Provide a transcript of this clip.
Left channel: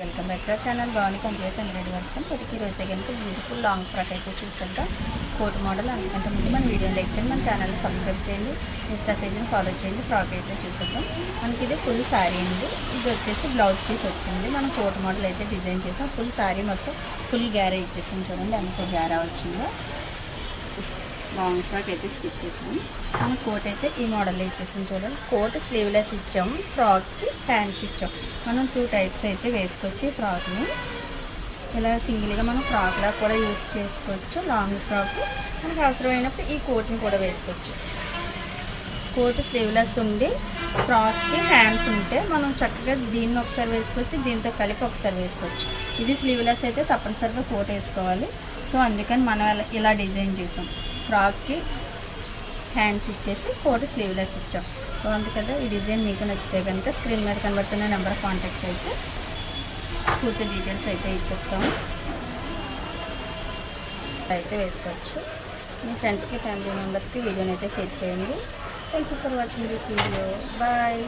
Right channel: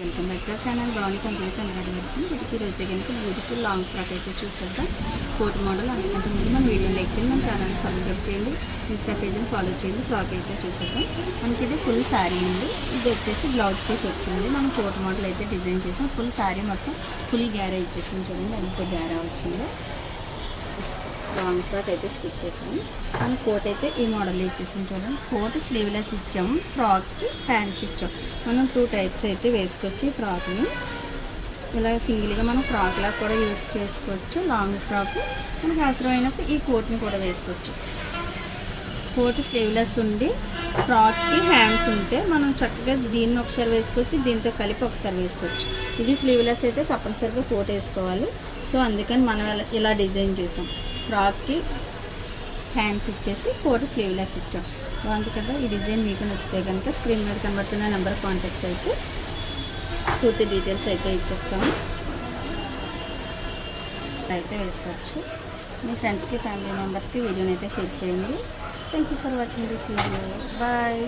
Welcome back to channel. బాగుంది complete hundred works వీటికి రోజు కనుక బ్యూటిఫుల్ లాంగ్ ఫ్రాక్ అయితే చూసేద్దాం. కోట్ మోడల్ అందుకంటే ముందు మన వీడియో లైక్ చేయండి. మన ఛానల్ సబ్స్క్రైబ్ చేయండి. ఇన్స్టా పేజ్ని ఫాలో చేయండి. ఫ్రాక్ అయితే చూసేద్దాం. మనకి ఇది ఫుల్ శారీ అండి. ఇది వచ్చేసి బ్లౌజ్ పీస్ వచ్చింది. మనం కోట్ మోడల్ అయితే డిజైన్ చేసాం. ఫుల్ శారీ మొత్తం ఫుల్ గ్యారా ఇచ్చేసింది చూడండి. అందుకే గ్యారా వచ్చింది. లాంగ్ ఫ్రాక్ అయితే స్టిచ్ చేసాము మనం కోట్ అయితే ఈ మోడల్లో ఇచ్చేసాం చూడండి. కోట్ స్లీవ్లెస్ ఇచ్చాము ఫ్రాక్కి హ్యాండ్స్ ఇచ్చాం. మనం టూ టైప్స్ అయితే వేసుకోవచ్చు ఈ ఫ్రాక్ని ఇలా సింగిల్గా మనం ఫ్రాక్లా కూడా యూజ్ చేసుకోవచ్చు. లాంగ్ ఫ్రాక్ మనకు అవసరమైనప్పుడు ఈ కోట్ని కూడా వేసుకోవచ్చు. కోట్ స్లీవ్లెస్ ఉండి ఫ్రాక్కి హ్యాండ్స్ ఉంటే మనం చక్కగా దీన్ని ఒకసారి వేసుకోవచ్చు. దీంతో కలిపి ఒకసారి వేసుకోవచ్చు. ఇది స్లీవ్లెస్ అయితే తప్పనిసరిగా కోట్ వేసుకోవాలి. సో అందుకని మనం ఇలా డిజైన్ చేసాం. ఫ్రాక్కి హ్యాండ్స్ ఇచ్చేసి కోట్ స్లీవ్లెస్ ఇచ్చాం. బాగుంది కదా? ఈ డిజైన్ మీకు నచ్చితే కనుక స్క్రీన్ మీద కనబడుతున్న నెంబర్ కాంటాక్ట్ అయితే పూర్తి డీటెయిల్స్ అయితే ఇచ్చేస్తాము. అయితే వేసుకోవచ్చు. మీ ఫ్రెండ్స్కి ఫ్యామిలీ మెంబర్స్కి వీడియోని అయితే షేర్ చేయండి. Thank you for watching this video bye